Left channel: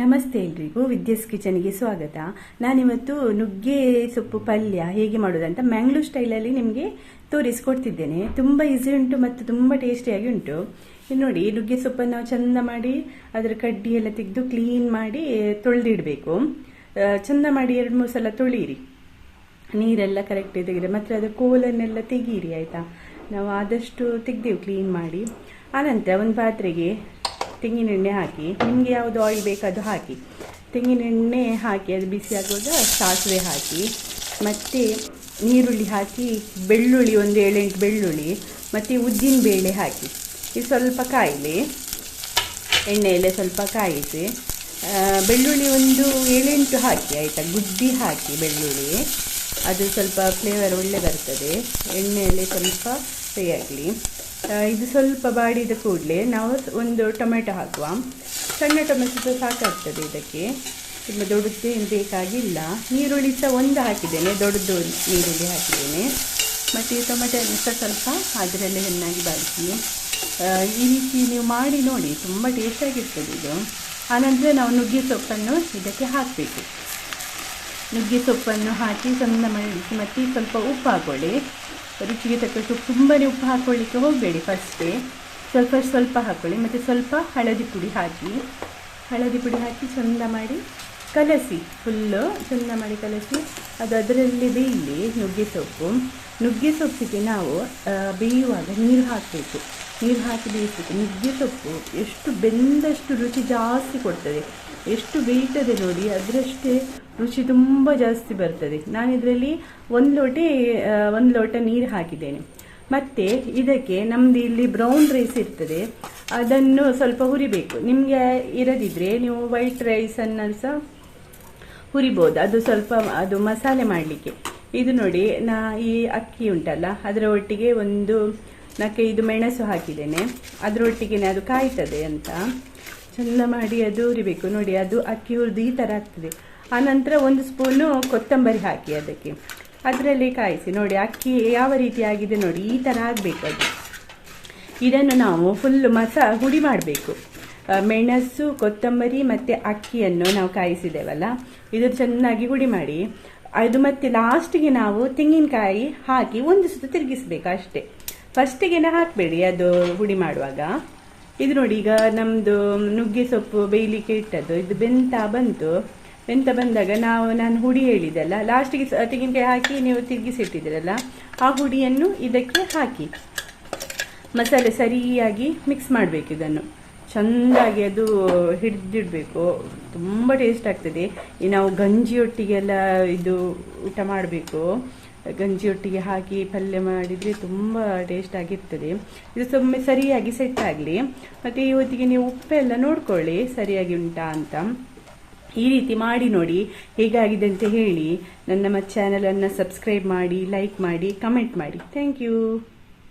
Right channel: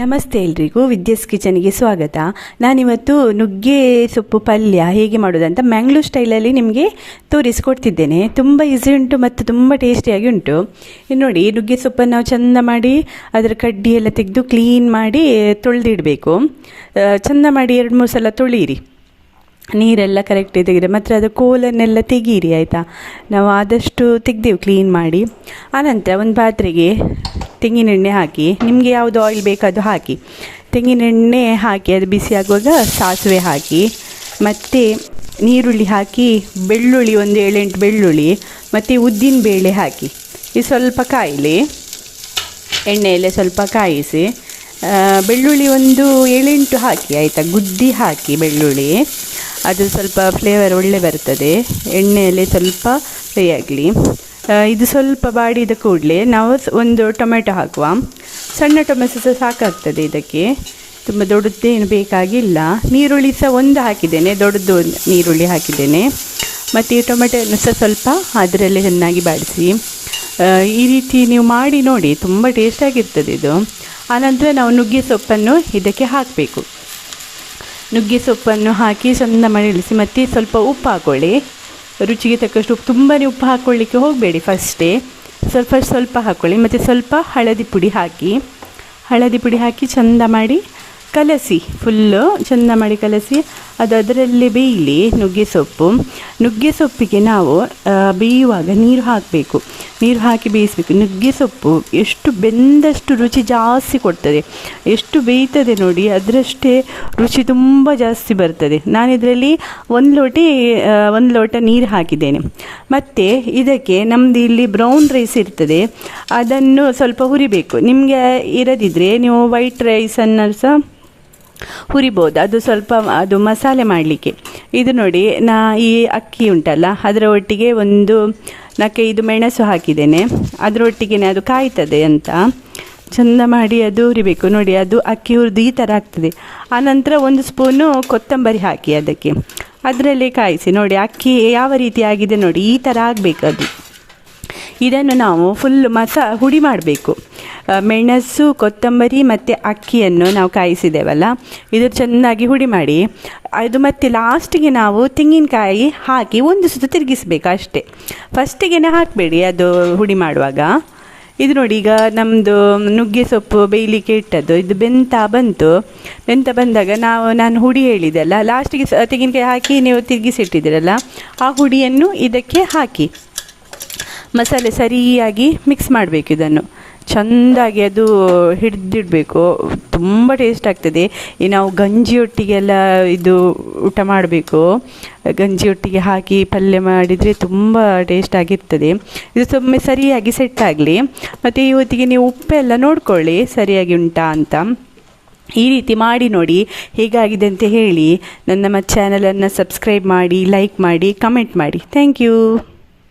ನಮಸ್ತೆ ಎಲ್ರಿಗೂ ವಿದ್ಯಾಸ್ ಕಿಚನ್ಗೆ ಸ್ವಾಗತ. ನಾನಿವತ್ತು ನುಗ್ಗೆ ಸೊಪ್ಪು ಪಲ್ಯ ಹೇಗೆ ಮಾಡೋದಂತ ಮ್ಯಾಂಗ್ಳೂರ್ ಸ್ಟೈಲಲ್ಲಿ ನಿಮಗೆ ತೋರಿಸ್ಕೊಡ್ತಿದ್ದೇನೆ. ತುಂಬ ಈಸಿ ಉಂಟು ಮತ್ತು ತುಂಬ ಟೇಸ್ಟಿಯಾಗಿ ಉಂಟು. ಇನ್ನು ನೋಡಿ, ನುಗ್ಗೆ ಸೊಪ್ಪನ್ನು ನಾವು ಚೆಂದ ಮಾಡಿ ಅದರ ಕಡ್ಡಿ ಎಲ್ಲ ತೆಗೆದು ಕ್ಲೀನ್ ಮಾಡಿ ತೊಳೆದಿಡಬೇಕು. ಚೆಂದ ಮಾಡಿ 2-3 ಸಲ ತೊಳೀರಿ, ನೀರೆಲ್ಲ ಕರೆಕ್ಟಾಗಿ ತೆಗೆದ್ರೆ. ಮತ್ತು ಅದು ಕೋಲನ್ನೆಲ್ಲ ತೆಗೀರಿ, ಆಯಿತಾ. ನಾವು ಆದಷ್ಟು ತೆಗೆದೆವು ಕ್ಲೀನ್ ಮಾಡಿ. ಆನಂತರ ಒಂದು ಪಾತ್ರೆಗೆ ತೆಂಗಿನೆಣ್ಣೆ ಹಾಕಿ, ನಿಮಗೆ ಯಾವುದು ಆಯಿಲ್ ಬೇಕು ಅದು ಹಾಕಿ. ತೆಂಗಿನೆಣ್ಣೆ ಹಾಕಿ ಅದು ಬಿಸಿ ಆಗುವಾಗ ಸಾಸಿವೆ ಹಾಕಿ, ಮತ್ತು ನೀರುಳ್ಳಿ ಹಾಕಿ, ಬೆಳ್ಳುಳ್ಳಿ ಒಂದು 7-8 ಬೆಳ್ಳುಳ್ಳಿ ಮತ್ತು ಉದ್ದಿನ ಬೇಳೆ ಹಾಕಿ ಇದು ಸ್ವಲ್ಪ ಕಾಯಲಿ. ಎಣ್ಣೆಯಲ್ಲೇ ಸ್ವಲ್ಪ ಕಾಯಿಸಿ ಬೆಳ್ಳುಳ್ಳಿ ಒಂದು 7-8 ಹಾಕಿ, ಆಯಿತಾ. ಗುದ್ದಿ ಹಾಕಿ ಬೆಳ್ಳುಳ್ಳಿ, ಅದು ಸ್ವಲ್ಪ ಫ್ಲೇವರ್ ಒಳ್ಳೆ ಬರ್ತದೆ. ಎಣ್ಣೆಯಲ್ಲಿ ಸ್ವಲ್ಪ ಫ್ರೈ ಆಗಲಿ. ಇದು ಸ್ವಲ್ಪ ಬಾಡಿದ ಕೂಡಲೇ ನಾವು ಒಂದು ಟೊಮೆಟೊ ಹಾಕುವ. ಸಣ್ಣ ಟೊಮೆಟೊ ಸಹ ಸಾಕಾಗ್ತದೆ ಇದಕ್ಕೆ, ತುಂಬ ದೊಡ್ಡದೇನು ಬೇಕಾಗಿಲ್ಲ. ನೀರುಳ್ಳಿ ಸಹ ಒಂದು ಹಾಕಿದ್ದೇನೆ, ದೊಡ್ಡದು ನೀರುಳ್ಳಿ ಹಾಕಿದ್ದೇನೆ. ಮತ್ತು ಈ ಟೊಮೆಟೊಯನ್ನು ಸಹ ಸ್ವಲ್ಪ ಅದರಲ್ಲೇ ಚೆನ್ನಾಗಿ ಬಾಡಿಸಿ. ಈ ರೀತಿ ನೀವು ಮಾಡಿ ನೋಡಿ, ತುಂಬ ಟೇಸ್ಟಾಗಿರ್ತದೆ ಇದು. ಆನಂತರ ನಾವು ನುಗ್ಗೆ ಸೊಪ್ಪನ್ನು ಇದಕ್ಕೆ ಹಾಕಬೇಕು. ನುಗ್ಗೆ ಸೊಪ್ಪನ್ನು ಹಾಕಿ ಚೆಂದ ಮರಳಿಸಿ, ಮತ್ತು ಸ್ವಲ್ಪ ಉಪ್ಪು ಹಾಕ್ಕೊಳ್ಳಿ, ರುಚಿಗೆ ತಕ್ಕಷ್ಟು ಉಪ್ಪು. ತುಂಬಾ ಉಪ್ಪು ಹಾಕ್ಕೊಳ್ಳಿಕ್ಕೆ ಹೋಗಬೇಡಿ, ಫಸ್ಟೇ ಸ್ವಲ್ಪ ಸ್ವಲ್ಪ ಹಾಕ್ಕೊಳ್ಳಿ. ಮತ್ತು ಸ್ವಲ್ಪ ಹಳದಿ ಪುಡಿ ಹಾಕಿ ಚೆಂದ ಮಾಡಿ ಕಲಸಿ, ಫುಲ್ಲು ಚೆಂದ ಮಾಡಿ ಕಲಸಿ. ಅದು ಅದರಲ್ಲಿ ಬೇಯಲಿ ನುಗ್ಗೆ ಸೊಪ್ಪಿಗೆ ನಾವು ಬೇಯುವಾಗ ನೀರು ಹಾಕಬೇಕು. ನೀರು ಹಾಕಿ ಬೇಯಿಸಬೇಕು. ನುಗ್ಗೆ ಸೊಪ್ಪು ಎಷ್ಟು ಬೆಂದಷ್ಟು ರುಚಿ ಜಾಸ್ತಿ ಕೊಡ್ತದೆ. ಎಷ್ಟು ಬೇಯ್ತದೆ ನೋಡಿ, ಅದರಷ್ಟೇ ರುಚಿ ತುಂಬ ಜಾಸ್ತಿ ಬರ್ತದೆ. ನಾನಿದರಲ್ಲಿ 1 ಲೋಟ ನೀರು ಹಾಕಿದ್ದೇನೆ. ಮತ್ತು ಇದಕ್ಕೆ ನಮ್ಮದು ಇಲ್ಲಿ ಬ್ರೌನ್ ರೈಸ್ ಇರ್ತದೆ, ಅದನ್ನು ಸ್ವಲ್ಪ ಹುರಿಬೇಕು. ನಿಮಗೆ ಇರದಿದ್ದರೆ ನೀವು ವೈಟ್ ರೈಸನ್ನು ಸಹ ಹುರಿಬೋದು, ಅದು ಸ್ವಲ್ಪ ಅದು ಮಸಾಲೆ ಮಾಡಲಿಕ್ಕೆ. ಇದು ನೋಡಿ, ಈ ಅಕ್ಕಿ ಉಂಟಲ್ಲ, ಅದರ ಒಟ್ಟಿಗೆ ಒಂದು 4-5 ಮೆಣಸು ಹಾಕಿದ್ದೇನೆ. ಅದರೊಟ್ಟಿಗೆ ಅದು ಕಾಯ್ತದೆ ಅಂತ ಚೆಂದ ಮಾಡಿ ಅದು ಹುರಿಬೇಕು. ನೋಡಿ, ಅದು ಅಕ್ಕಿ ಹುರಿದು ಈ ಥರ ಆಗ್ತದೆ. ಆನಂತರ 1 ಸ್ಪೂನು ಕೊತ್ತಂಬರಿ ಹಾಕಿ ಅದಕ್ಕೆ, ಅದರಲ್ಲಿ ಕಾಯಿಸಿ. ನೋಡಿ, ಅಕ್ಕಿ ಯಾವ ರೀತಿ ಆಗಿದೆ ನೋಡಿ, ಈ ಥರ ಆಗಬೇಕು ಅದು. ಇದನ್ನು ನಾವು ಫುಲ್ ಹುಡಿ ಮಾಡಬೇಕು. ಮೆಣಸು, ಕೊತ್ತಂಬರಿ ಮತ್ತು ಅಕ್ಕಿಯನ್ನು ನಾವು ಕಾಯಿಸಿದ್ದೇವಲ್ಲ, ಇದು ಚೆನ್ನಾಗಿ ಹುಡಿ ಮಾಡಿ ಅದು. ಮತ್ತು ಲಾಸ್ಟಿಗೆ ನಾವು ತೆಂಗಿನಕಾಯಿ ಹಾಕಿ 1 ಸುತ್ತು ತಿರುಗಿಸ್ಬೇಕು ಅಷ್ಟೇ. ಫಸ್ಟಿಗೆ ಹಾಕಬೇಡಿ ಅದು ಹುಡಿ ಮಾಡುವಾಗ. ಇದು ನೋಡಿ, ಈಗ ನಮ್ಮದು ನುಗ್ಗೆ ಸೊಪ್ಪು ಬೇಯಲಿಕ್ಕೆ ಇಟ್ಟದ್ದು ಇದು ಬೆಂತ ಬಂದಾಗ ನಾನು ಹುಡಿ ಹೇಳಿದೆಲ್ಲ, ಲಾಸ್ಟಿಗೆ ತೆಂಗಿನಕಾಯಿ ಹಾಕಿ ನೀವು ತಿರುಗಿಸಿಟ್ಟಿದ್ದೀರಲ್ಲ, ಆ ಹುಡಿಯನ್ನು ಇದಕ್ಕೆ ಹಾಕಿ ಮಸಾಲೆ ಸರಿಯಾಗಿ ಮಿಕ್ಸ್ ಮಾಡಬೇಕು. ಇದನ್ನು ಚೆಂದಾಗಿ ಅದು ಹಿಡಿದಿಡಬೇಕು. ತುಂಬ ಟೇಸ್ಟ್ ಆಗ್ತದೆ. ನಾವು ಗಂಜಿಯೊಟ್ಟಿಗೆಲ್ಲ ಇದು ಊಟ ಮಾಡಬೇಕು. ಗಂಜಿಯೊಟ್ಟಿಗೆ ಹಾಕಿ ಪಲ್ಯ ಮಾಡಿದರೆ ತುಂಬ ಟೇಸ್ಟಾಗಿರ್ತದೆ. ಇದು ತುಂಬ ಸರಿಯಾಗಿ ಸೆಟ್ ಆಗಲಿ. ಮತ್ತು ಈ ಹೊತ್ತಿಗೆ ನೀವು ಉಪ್ಪೆಲ್ಲ ನೋಡ್ಕೊಳ್ಳಿ ಸರಿಯಾಗಿ ಉಂಟಾ ಅಂತ. ಈ ರೀತಿ ಮಾಡಿ ನೋಡಿ, ಹೇಗಾಗಿದೆ ಅಂತ ಹೇಳಿ. ನನ್ನ ಚಾನಲನ್ನು ಸಬ್ಸ್ಕ್ರೈಬ್ ಮಾಡಿ, ಲೈಕ್ ಮಾಡಿ, ಕಮೆಂಟ್ ಮಾಡಿ. Thank you.